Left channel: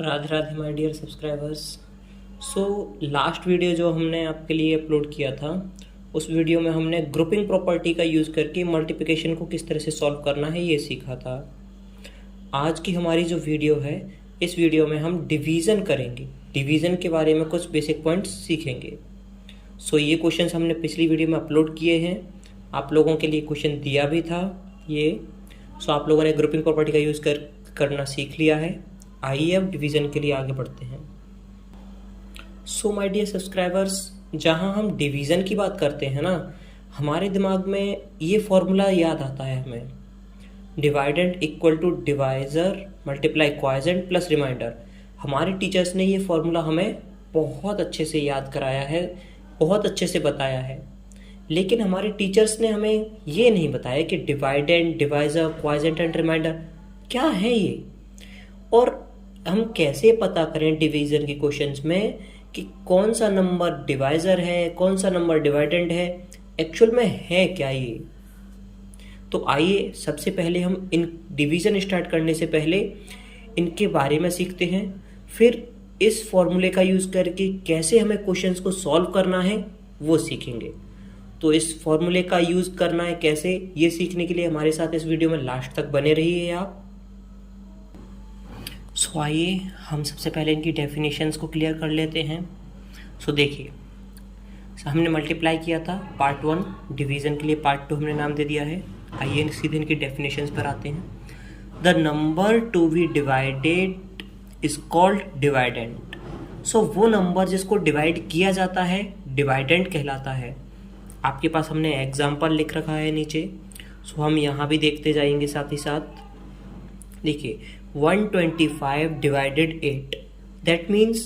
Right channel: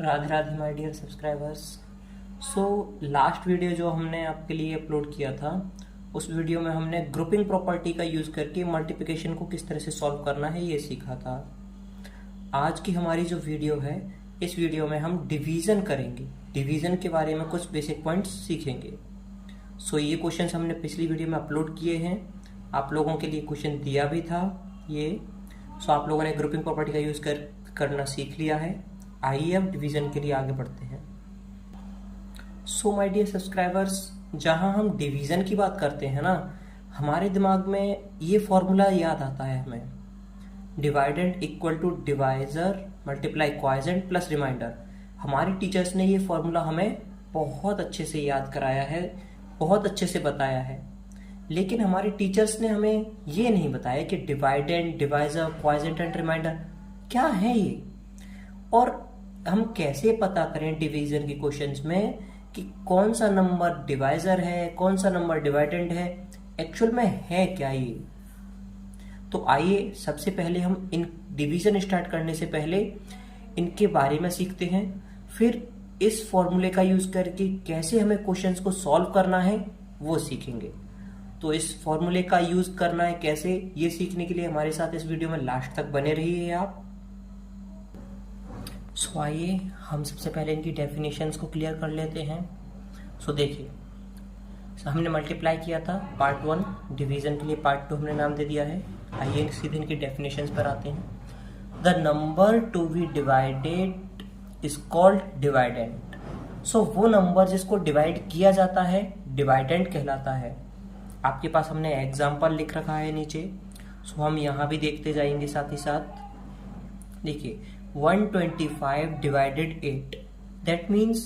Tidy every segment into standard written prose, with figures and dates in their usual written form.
Radhe Radhe my dear subscribers. So last video जो हमने आपके लिए अपलोड किया था, उस वीडियो में हमने ग्रुपिंग प्रॉपर्टी का यूज़ करके मल्टीप्लिकेशन को किस तरह से सॉल्व करना है ये सीखा था। आज की हमारी जो वीडियो है, इस वीडियो में हम डिवीज़न करेंगे। डिवीज़न के बारे में कुछ बेसिक पॉइंट्स सीखेंगे। सो ये क्वेश्चंस हमने पिछली वीडियो में अपलोड किए हैं, आप लोगों के लिए क्वेश्चन दिया भी था ये। सो आप लोगों ने ग्रुपिंग प्रॉपर्टी का यूज़ करना सीख लिया है। आइए अब डिवीज़न के लिए आगे बढ़ते हैं। सो माय डियर सब्सक्राइबर्स, जहां हम डिवीज़न की बात करते हैं ना, हमारे दिमाग में ये फॉर्मूला याद आता है हमें, dividend equal to divisor multiply quotient plus remainder. हमारे टीचर्स ने ये फॉर्मूला हमें बहुत अच्छे से याद कराया है, बहुत अच्छे से बताया है। लेकिन हमारे टीचर्स ने हमें ये नहीं बताया कि डिवाइडेंड, डिवाइज़र, क्वाइजेंट एंड रिमाइंडर क्या है ये, और हम कैसे पता करें डिवीजन के क्वेश्चंस में कि कौन सा नंबर डिवाइजर है, कौन सा नंबर डिवाइडेंड है, एक्चुअल में है क्या ये। तो आइए सबसे पहले हम इन डिवीजन स्टार्ट करने से पहले इनके बारे में सीखते हैं, फिर इस फॉर्मूले का यूज करके कैसे हमें क्वेश्चंस को सॉल्व करना है वो सीखेंगे। तो इस फॉर्मूले का यूज करना है कैसे, ये सीखने के लिए हमारे साथ इस वीडियो में लास्ट तक बने रहिए आप। सो आइए हम सबसे पहले इनकी डेफिनेशंस को क्लियर कर लेते हैं। सो देखिए, हमने मल्टीप्लाई किया था पार्ट 1, डिवीज़न के लिए पार्ट 2 हमने नाम दे दिया है। आइए सीधे इनकी डेफिनेशंस पर आते हैं। The number to be divided is called dividend. So वो नंबर जिसको डिवाइड किया जाता है डिवाइडेंड कहलाता है। आपके पास हमने एग्जाम्पल लिख रखा है नीचे, सो हम यहाँ भी देखते जाएंगे साथ ही साथ। देखिए 125 डिवाइडेड 8, दैट मीन्स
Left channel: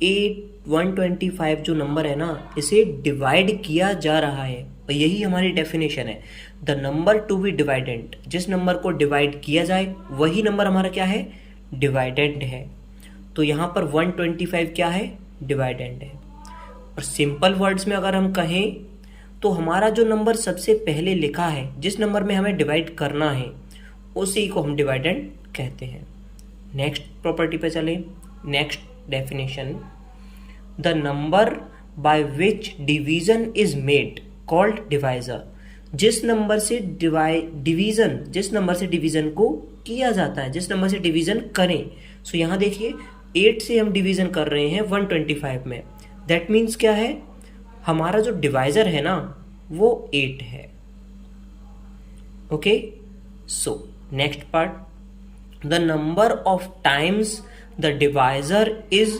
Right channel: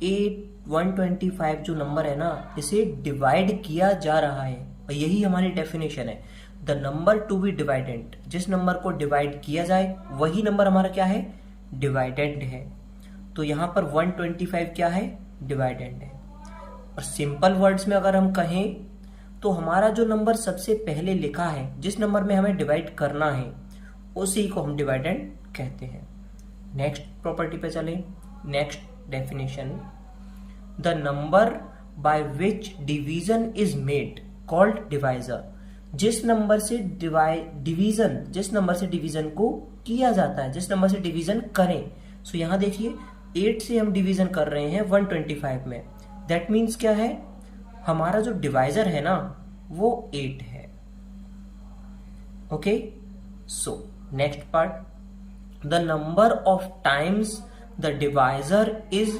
125 जो नंबर है ना, इसे डिवाइड किया जा रहा है, और यही हमारी डेफिनेशन है। The number to be dividend, जिस नंबर को डिवाइड किया जाए वही नंबर हमारा क्या है, डिवाइडेंड है। तो यहाँ पर 125 क्या है, डिवाइडेंड है। और सिंपल वर्ड्स में अगर हम कहें तो हमारा जो नंबर सबसे पहले लिखा है, जिस नंबर में हमें डिवाइड करना है, उसी को हम डिवाइडेंड कहते हैं। नेक्स्ट प्रॉपर्टी पे चले, next definition, the number by which division is made called divisor. जिस नंबर से जिस नंबर से डिवीजन को किया जाता है, जिस नंबर से डिवीजन करें। सो यहां देखिए 8 से हम डिवीजन कर रहे हैं 125 में, दैट मीन्स क्या है, हमारा जो डिवाइजर है ना वो 8 है। Okay, so next part, the number of times the divisor is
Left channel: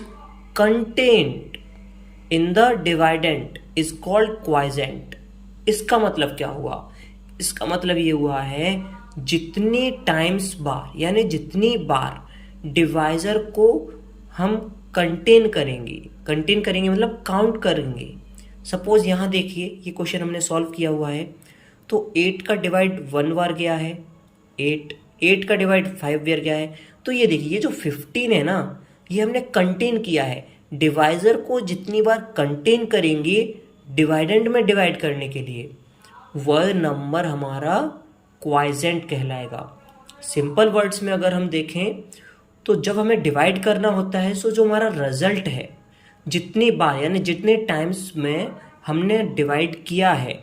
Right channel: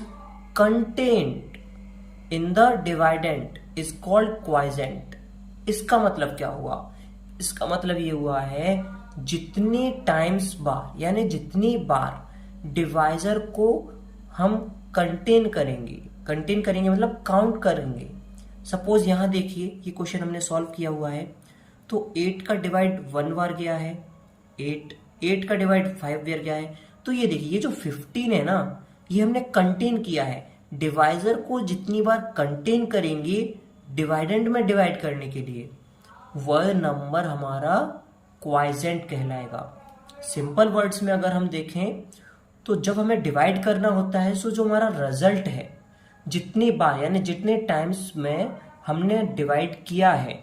contained in the dividend is called quotient। इसका मतलब क्या हुआ, इसका मतलब ये हुआ है जितने टाइम्स बार, यानी जितनी बार डिवाइजर को हम कंटेन करेंगे मतलब काउंट करेंगे। सपोज यहां देखिए ये क्वेश्चन हमने सॉल्व किया हुआ है, तो 8 का डिवाइड 1 बार गया है, 8 का डिवाइड 5 बार गया है। तो ये देखिए, ये जो 15 है ना, ये हमने कंटेन किया है। डिवाइजर को जितनी बार कंटेन करेंगे डिवाइडेंड में डिवाइड करने के लिए, वह नंबर हमारा क्वाइजेंट कहलाएगा। सिंपल वर्ड्स में अगर हम देखें तो जब हमें डिवाइड करना होता है, सो जो हमारा रिजल्ट है, जितनी बार यानी जितने टाइम्स में हमने डिवाइड किया है,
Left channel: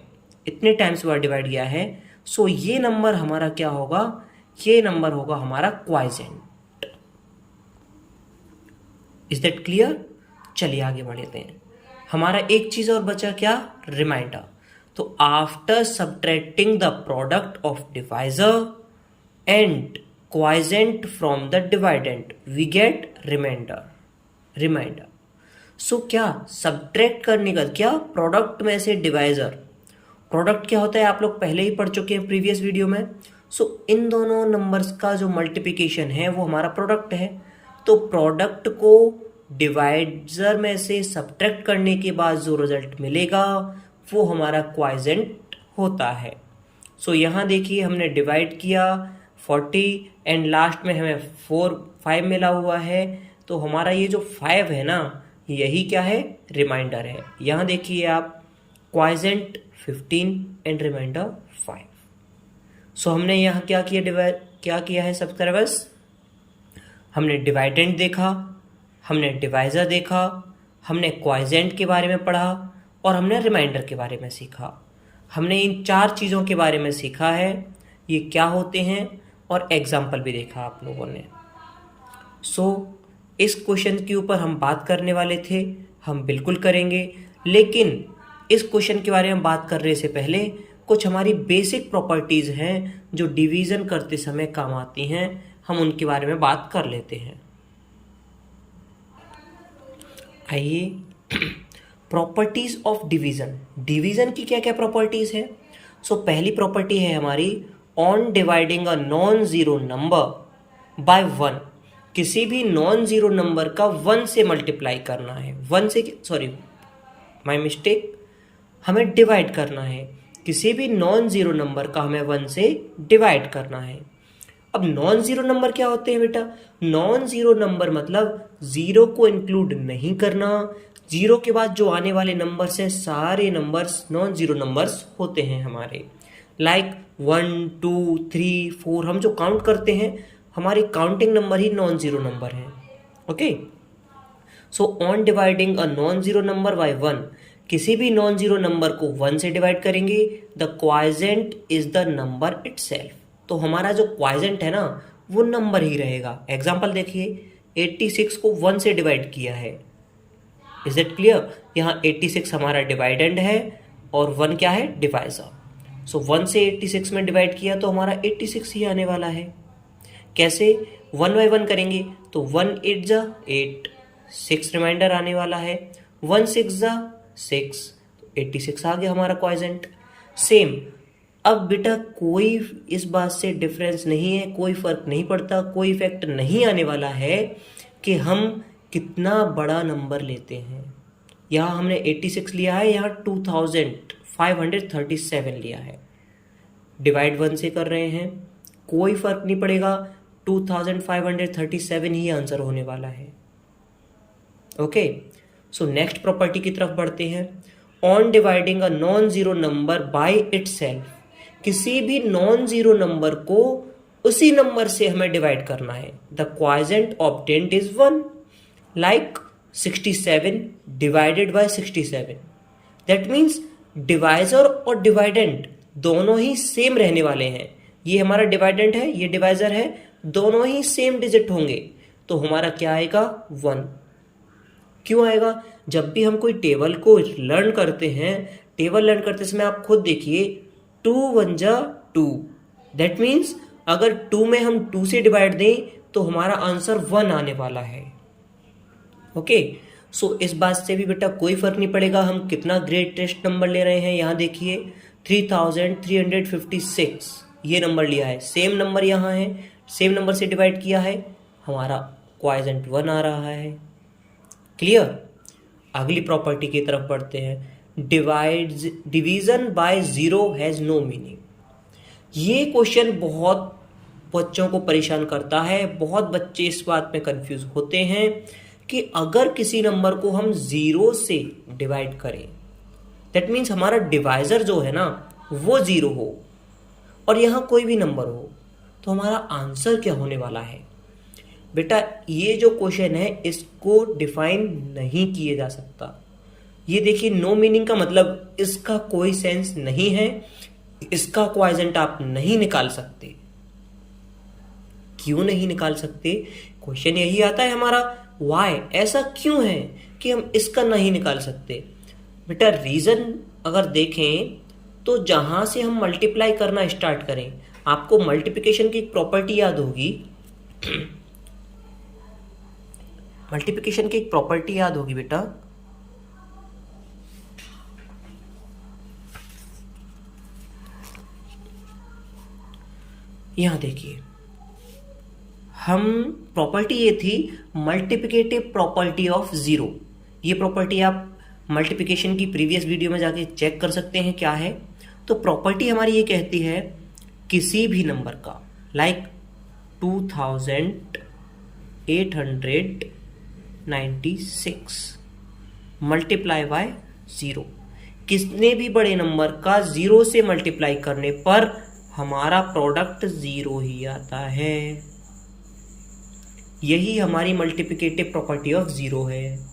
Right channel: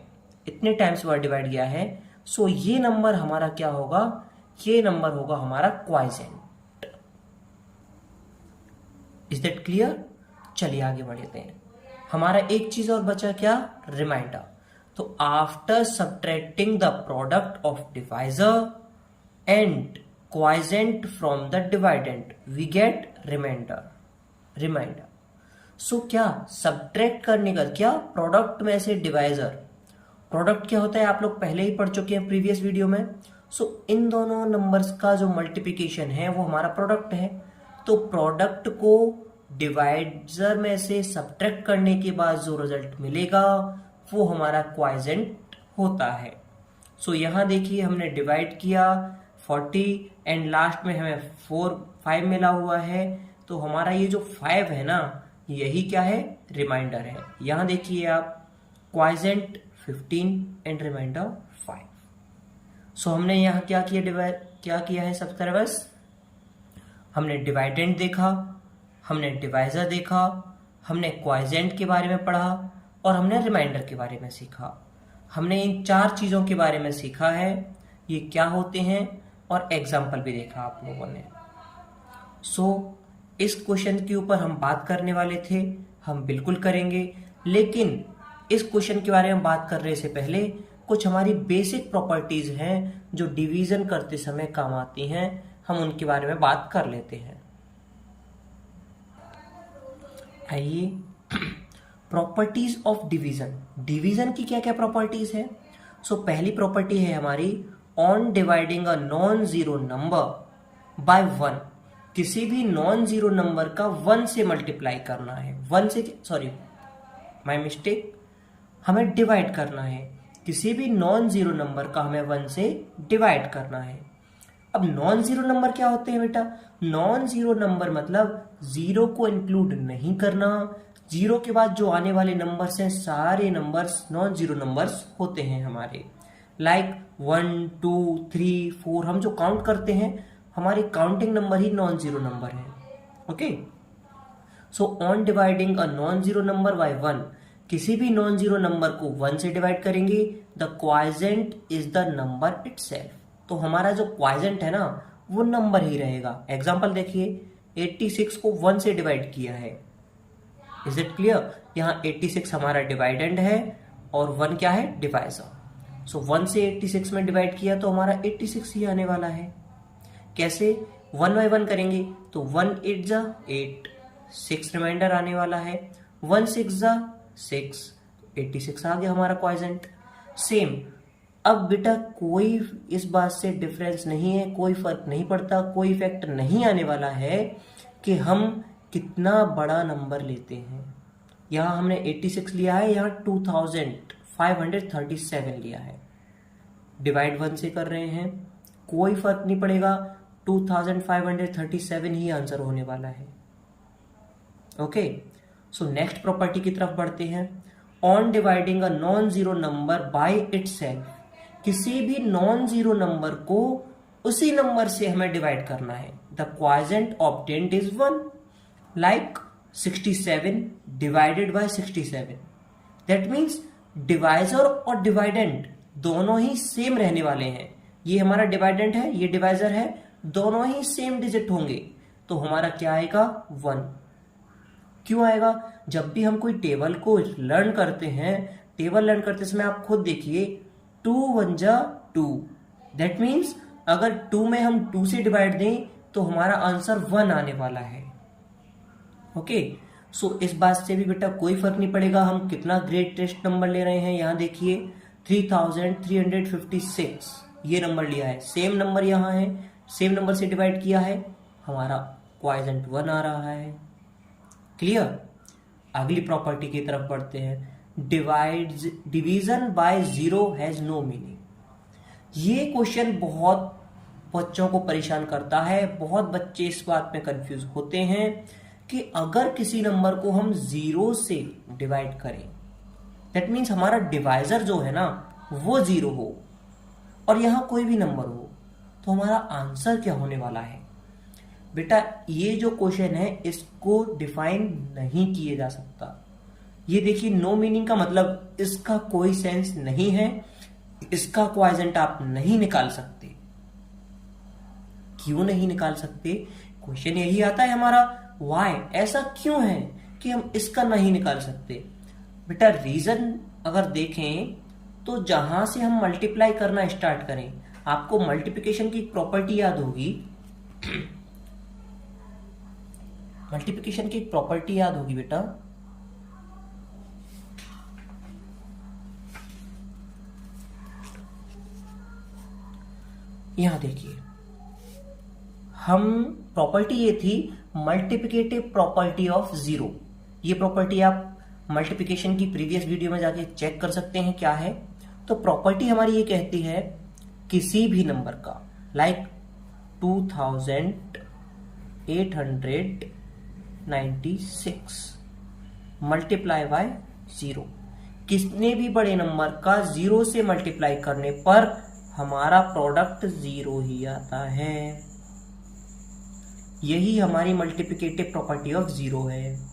इतने टाइम्स बार डिवाइड किया है, सो ये नंबर हमारा क्या होगा, ये नंबर होगा हमारा क्वाइजेंट। Is that clear. चलिए आगे बढ़ते हैं। हमारा एक चीज और बचा क्या, रिमाइंडर। तो after subtracting the product of divisor and quotient from the dividend we get remainder. So क्या सब्ट्रैक्ट करने का, क्या प्रोडक्ट में से डिवाइजर, प्रोडक्ट क्या होता है आप लोग पहले ही पढ़ चुके हैं प्रीवियस वीडियो में। सो इन दोनों नंबर्स का जो मल्टीप्लिकेशन है वो हमारा प्रोडक्ट है। तो प्रोडक्ट को डिवाइजर में से सब्ट्रैक्ट करने के बाद जो रिजल्ट मिलेगा वो हमारा क्वाइजेंट होता है। सो यहाँ देखिए हमने डिवाइड किया 40 एंड लास्ट में हमें 5 मिला हुआ है, तो हमारा ये जो 5 है ना, यही क्या है, रिमाइंडर है। यहाँ देखिए आप, क्वाइजेंट 15 एंड रिमाइंडर 5। सो हमने यहाँ क्या किया है सब्सक्राइबर्स, हमने डिवाइडेंड देखा, हमने डिवाइज़र देखा, हमने क्वाइजेंट के बारे में पढ़ा और हमने रिमाइंडर के बारे में सीखा। हमने इन 4 चीज़ों के बारे में सीखा है, ये क्या होते हैं, और एग्जाम्पल भी देखा आप लोगों ने। इस क्वेश्चन के ऊपर हम बात करने वाले थे, हम बिल्कुल करेंगे, लेकिन इस क्वेश्चन के बारे में बात करने से पहले कुछ हमारी बेसिक प्रॉपर्टीज़ हैं जो डिवीज़न करते समय काम आती हैं, हम उनके बारे में बात कर लेते हैं। आइए, प्रॉपर्टीज ऑफ डिवीज़न। डिवीज़न की क्या क्या प्रॉपर्टीज़ है? पहली प्रॉपर्टी है हमारी, on dividing a non zero number by 1, किसी भी नॉन ज़ीरो नंबर का 1 से मल्टीप्लाई करना है, 1 से, सॉरी माय मिस्टेक, हमें डिवाइड करना है, किसी भी नॉन ज़ीरो नंबर का हमें 1 से डिवाइड करना है। अब नॉन ज़ीरो नंबर क्या होते हैं बेटा? नॉन ज़ीरो नंबर मतलब ज़ीरो को इंक्लूड नहीं करना, ज़ीरो के बाद जो आने वाले नंबर्स हैं सारे नंबर्स नॉन ज़ीरो नंबर्स होते हैं हमारे। लाइक 1 2 3 4 हम जो काउंट करते हैं हमारे काउंटिंग नंबर ही नॉन ज़ीरो नंबर हैं। Okay, on dividing a non zero number by 1, किसी भी नॉन ज़ीरो नंबर को 1 से डिवाइड करेंगे, the quotient is the number itself. तो हमारा जो क्वाइजेंट है ना वो नंबर ही रहेगा। एग्जाम्पल देखिए, 86 को 1 से डिवाइड किया है, इज इट क्लियर? यहाँ 86 हमारा डिवाइडेंड है और 1 क्या है? डिवाइजर। 1 से 86 में डिवाइड किया तो हमारा 86 ही आने वाला है। कैसे? 1 बाय 1 करेंगे तो 1 8 जा 8, 6 रिमाइंडर आने वाला है, 1 6 जा 6, 86 आ गया हमारा क्वाइजेंट। सेम, अब बेटा कोई इस बात से डिफरेंस नहीं है, कोई फर्क नहीं पड़ता, कोई इफेक्ट नहीं आने वाला है कि हम कितना बड़ा नंबर लेते हैं। यहाँ हमने 86 लिया है, यहाँ 2537 लिया है, डिवाइड 1 से कर रहे हैं, कोई फर्क नहीं पड़ेगा, 2537 ही आंसर होने वाला है। ओके, नेक्स्ट प्रॉपर्टी की तरफ बढ़ते हैं। On dividing a non zero number by itself, किसी भी नॉन जीरो नंबर को उसी नंबर से हमें डिवाइड करना है, the quotient obtained is 1, like 67 divided by 67। That means divisor और डिवाइडेंट दोनों ही सेम रहने वाले हैं। ये हमारा डिवाइडेंट है, ये डिवाइजर है, दोनों ही सेम डिजिट होंगे, तो हमारा क्या आएगा? 1। क्यों आएगा? जब भी हम कोई टेबल को लर्न करते हैं, टेबल लर्न करते समय आप खुद देखिए, 2 1 जा 2, दैट मीन्स अगर 2 में हम 2 से डिवाइड दें तो हमारा आंसर 1 आने वाला है। ओके, इस बात से भी बेटा कोई फर्क नहीं पड़ेगा हम कितना ग्रेटेस्ट नंबर ले रहे हैं। यहाँ देखिए 3356 ये नंबर लिया है, सेम नंबर यहाँ है, सेम नंबर से डिवाइड किया है, हमारा क्वाइजेंट 1 आ रहा है। क्लियर? अगली प्रॉपर्टी की तरफ बढ़ते हैं। Division by zero has no meaning. ये क्वेश्चन बहुत बच्चों को परेशान करता है, बहुत बच्चे इस बात में कंफ्यूज होते हैं कि अगर किसी नंबर को हम 0 से डिवाइड करें, दैट मीन्स हमारा डिवाइजर जो है ना वो 0 हो और यहां कोई भी नंबर हो, तो हमारा आंसर क्या होने वाला है? बेटा ये जो क्वेश्चन है इसको डिफाइन नहीं किया जा सकता। ये देखिए, नो मीनिंग का मतलब इसका कोई सेंस नहीं है, इसका क्वाइजेंट आप नहीं निकाल सकते। क्यों नहीं निकाल सकते? क्वेश्चन यही आता है हमारा, व्हाई, ऐसा क्यों है कि हम इसका नहीं निकाल सकते? बेटा रीजन अगर देखें तो जहां से हम मल्टीप्लाई करना स्टार्ट करें, आपको मल्टीप्लिकेशन की एक प्रॉपर्टी याद होगी, मल्टीप्लिकेशन की एक प्रॉपर्टी याद होगी बेटा, यहां देखिए, हम प्रॉपर्टी ये थी मल्टीप्लिकेटिव प्रॉपर्टी ऑफ जीरो। ये प्रॉपर्टी आप मल्टीप्लिकेशन की प्रीवियस वीडियो में जाके चेक कर सकते हैं क्या है। तो प्रॉपर्टी हमारी ये कहती है किसी भी नंबर का, लाइक 2896 मल्टीप्लाई बाय 0, कितने भी बड़े नंबर का 0 से मल्टीप्लाई करने पर हमारा प्रोडक्ट 0 ही आता है। यही हमारी मल्टीप्लिकेटिव प्रॉपर्टी ऑफ जीरो है।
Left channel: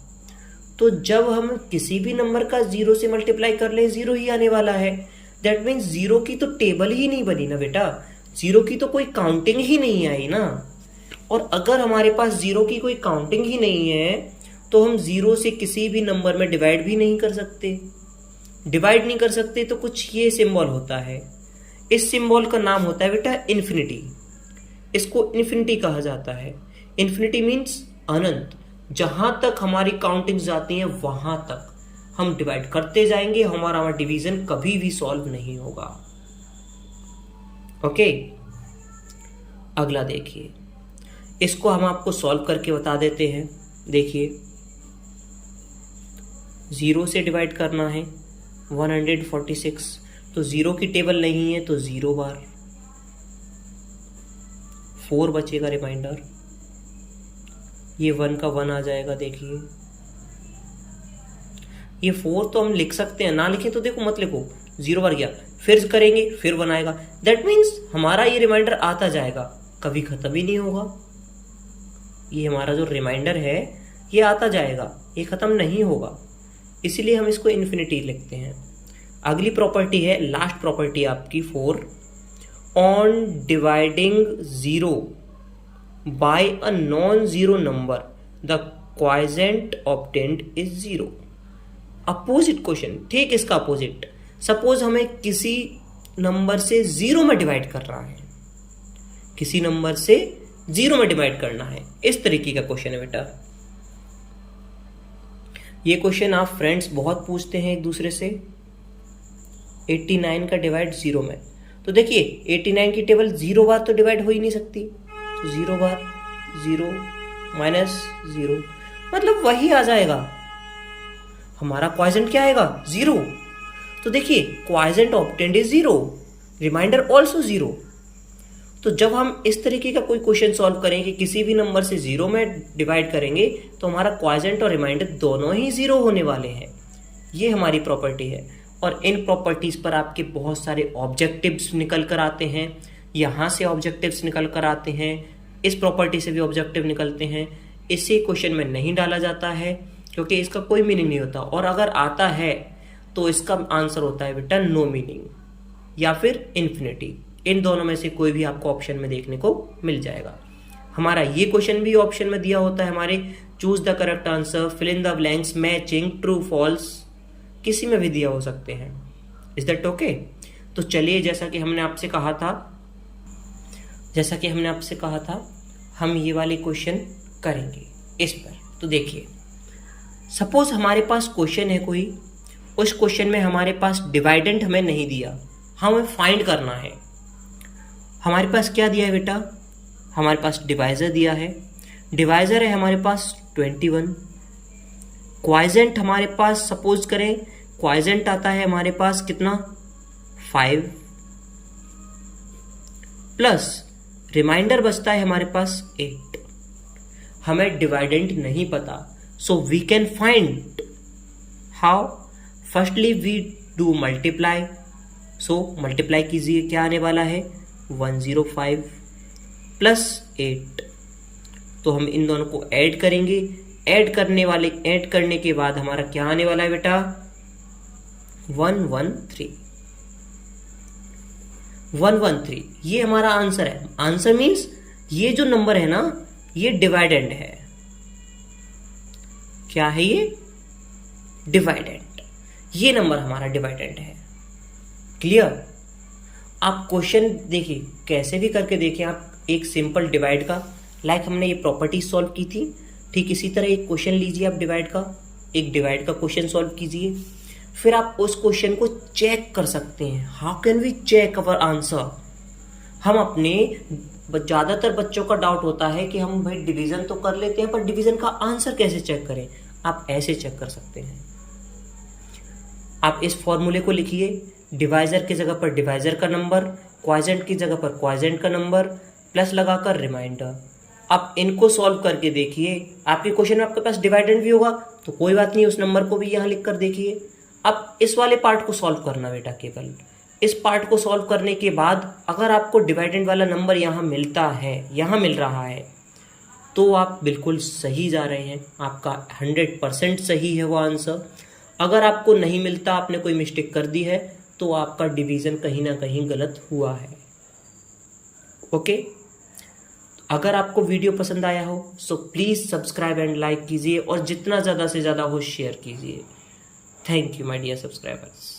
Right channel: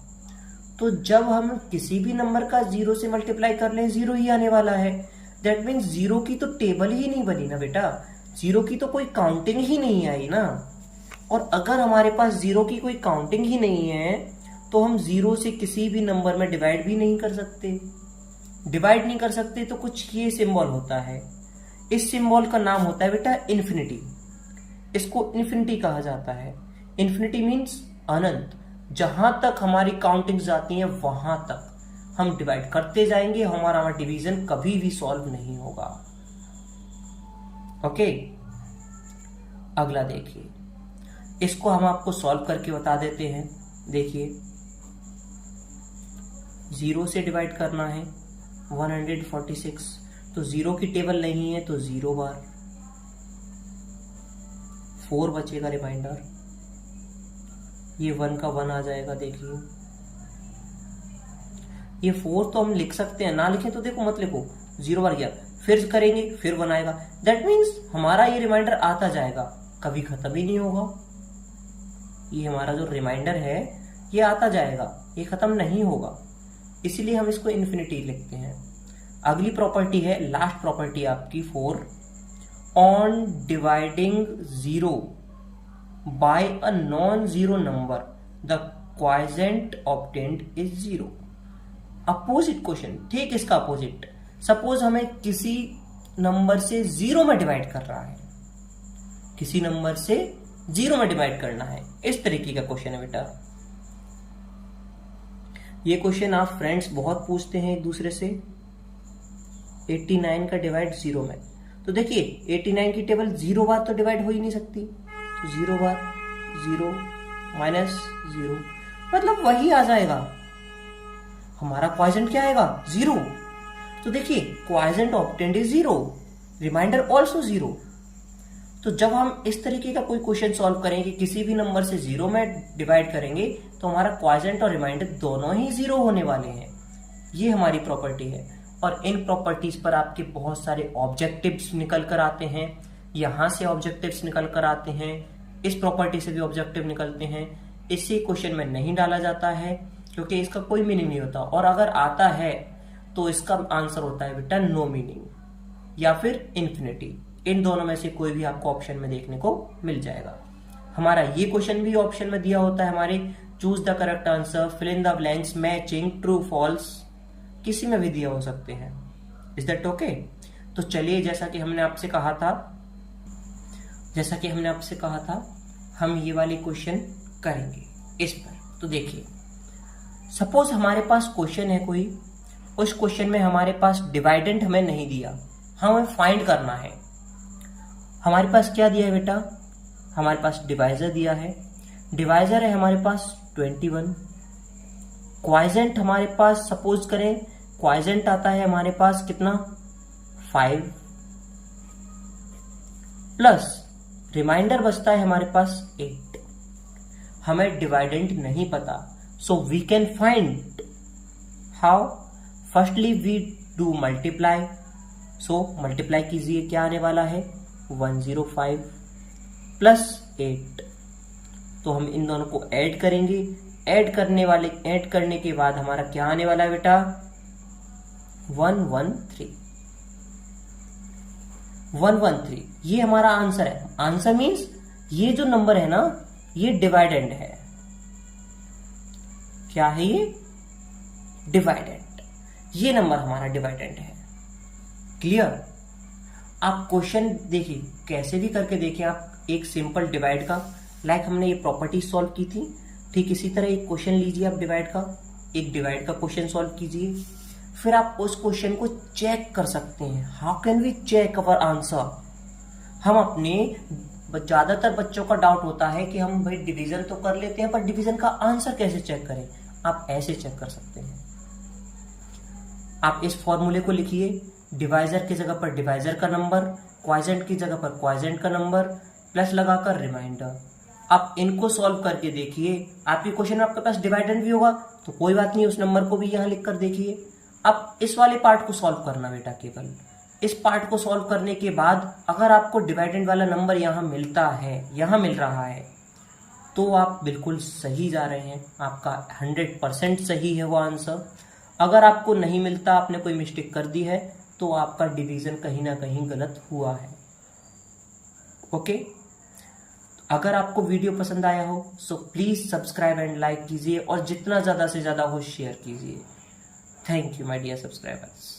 तो जब हम किसी भी नंबर का जीरो से मल्टीप्लाई कर लें जीरो ही आने वाला है। दैट मीन्स जीरो की तो टेबल ही नहीं बनी ना बेटा, जीरो की तो कोई काउंटिंग ही नहीं आई ना। और अगर हमारे पास जीरो की कोई काउंटिंग ही नहीं है तो हम जीरो से किसी भी नंबर में डिवाइड भी नहीं कर सकते। डिवाइड नहीं कर सकते तो कुछ ये सिंबल होता है, इस सिंबल का नाम होता है बेटा इन्फिनिटी। इसको इन्फिनिटी कहा जाता है। इन्फिनिटी मीन्स अनंत। जहां तक हमारी काउंटिंग जाती है वहां तक हम डिवाइड करते जाएंगे, हमारा डिवीजन कभी भी सॉल्व नहीं होगा। ओके, अगला देखिए, इसको हम आपको सॉल्व करके बता देते हैं। देखिए, जीरो से डिवाइड करना है 146, तो जीरो की टेबल नहीं है तो 0 बार, 4 बचेगा रिमाइंडर, ये 1 का 1 आ जाएगा। देखिए ये 4 तो हम लिख सकते हैं, ना लिखें तो देखो मत लिखो, 0 बार गया, फिर करेंगे फिर 1 आएगा। दैट मीन्स हमारा ये रिमाइंडर आता जाएगा, कभी खत्म ही नहीं होगा। ये हमारा जो रिमाइंडर है ये आता जाएगा, ये खत्म नहीं होगा, इसीलिए हम इसको इन्फिनिटी लिखते हैं। अगली प्रॉपर्टी है, लास्ट प्रॉपर्टी आपकी 4, on dividing 0 by a non zero number the quotient obtained is 0। Opposite question, ठीक इसका अपोजिट। सपोज हमें किसी नंबर से 0 में डिवाइड कर रहा है, किसी नंबर से 0 में डिवाइड करना है, इस तरीके का क्वेश्चन है बेटा। ये क्वेश्चन आप फ्रेंड्स बहुत पूछते हैं एक दूसरे से। 89 का डिवाइड 0 में, तो देखिए 89 की टेबल 0 बार तो डिवाइड हो ही नहीं सकती, तो 0 बार 0 माइनस 0 मतलब वही आ जाएगा, हमारा क्वाइजेंट क्या आएगा 0। तो देखिए क्वाइजेंट ऑब्टेन्ड इज 0, रिमाइंडर ऑल्सो 0। तो जब हम इस तरीके का कोई क्वेश्चन सॉल्व करेंगे, किसी भी नंबर से 0 में डिवाइड करेंगे तो हमारा क्वाइजेंट और रिमाइंडर दोनों ही 0 होने वाले हैं। ये हमारी प्रॉपर्टी है, और इन प्रॉपर्टीज पर आपके बहुत सारे ऑब्जेक्टिव्स निकल कर आते हैं। यहाँ से ऑब्जेक्टिव्स निकल कर आते हैं, इस प्रॉपर्टी से भी ऑब्जेक्टिव निकलते हैं। इसे क्वेश्चन में नहीं डाला जाता है क्योंकि इसका कोई मीनिंग नहीं होता, और अगर आता है तो इसका आंसर होता है बेटा नो मीनिंग या फिर इन्फिनिटी। इन दोनों में से कोई भी आपको ऑप्शन में देखने को मिल जाएगा। हमारा ये क्वेश्चन भी ऑप्शन में दिया होता है हमारे, choose the correct answer, fill in the blanks, matching, true false, किसी में भी दिया हो सकते हैं। Is that okay? तो चलिए, जैसा कि हमने आपसे कहा था हम ये वाले क्वेश्चन करेंगे इस पर। तो देखिए, सपोज हमारे पास क्वेश्चन है कोई, उस क्वेश्चन में हमारे पास डिवाइडेंट हमें नहीं दिया, हमें फाइंड करना है। हमारे पास क्या दिया है बेटा? हमारे पास डिवाइजर दिया है, डिवाइजर है हमारे पास 21। क्वाइजेंट हमारे पास, सपोज करें क्वाइजेंट आता है हमारे पास कितना 5, प्लस रिमाइंडर बचता है हमारे पास 8। हमें डिवाइडेंट नहीं पता, so we can find how. Firstly we do multiply, so multiply कीजिए, क्या आने वाला है 105 प्लस 8। तो हम इन दोनों को ऐड करेंगे, ऐड करने के बाद हमारा क्या आने वाला है बेटा 113। ये हमारा आंसर है। आंसर मीन्स ये जो नंबर है ना, ये डिवाइडेंड है। क्या है ये? डिवाइडेंड। ये नंबर हमारा डिवाइडेंड है। क्लियर? आप क्वेश्चन देखिए, कैसे भी करके देखिए आप, एक सिंपल डिवाइड का, लाइक हमने ये प्रॉपर्टी सॉल्व की थी, ठीक इसी तरह एक क्वेश्चन लीजिए आप डिवाइड का, एक डिवाइड का क्वेश्चन सॉल्व कीजिए, फिर आप उस क्वेश्चन को चेक कर सकते हैं। How can we check our answer? हम अपने, ज्यादातर बच्चों का डाउट होता है कि हम भाई डिवीजन तो कर लेते हैं, पर डिवीजन का आंसर कैसे चेक करें? आप ऐसे चेक कर सकते हैं। आप इस फॉर्मूले को लिखिए, डिवाइजर की जगह पर डिवाइजर का नंबर, क्वाइजेंट की जगह पर क्वाइजेंट का नंबर, प्लस लगाकर रिमाइंडर। आप इनको सॉल्व करके देखिए, आपके क्वेश्चन में आपके पास डिवाइडेंड भी होगा तो कोई बात नहीं, उस नंबर को भी यहाँ लिख कर देखिए। अब इस वाले पार्ट को सॉल्व करना बेटा, केवल इस पार्ट को सॉल्व करने के बाद अगर आपको डिवाइडेंड वाला नंबर यहाँ मिलता है, यहाँ मिल रहा है, तो आप बिल्कुल सही जा रहे हैं, आपका 100% सही है वो आंसर। अगर आपको नहीं मिलता, आपने कोई मिस्टेक कर दी है, तो आपका डिवीजन कहीं ना कहीं गलत हुआ है। ओके, अगर आपको वीडियो पसंद आया हो so please subscribe and like कीजिए और जितना ज़्यादा से ज़्यादा हो शेयर कीजिए। Thank you my dear subscribers.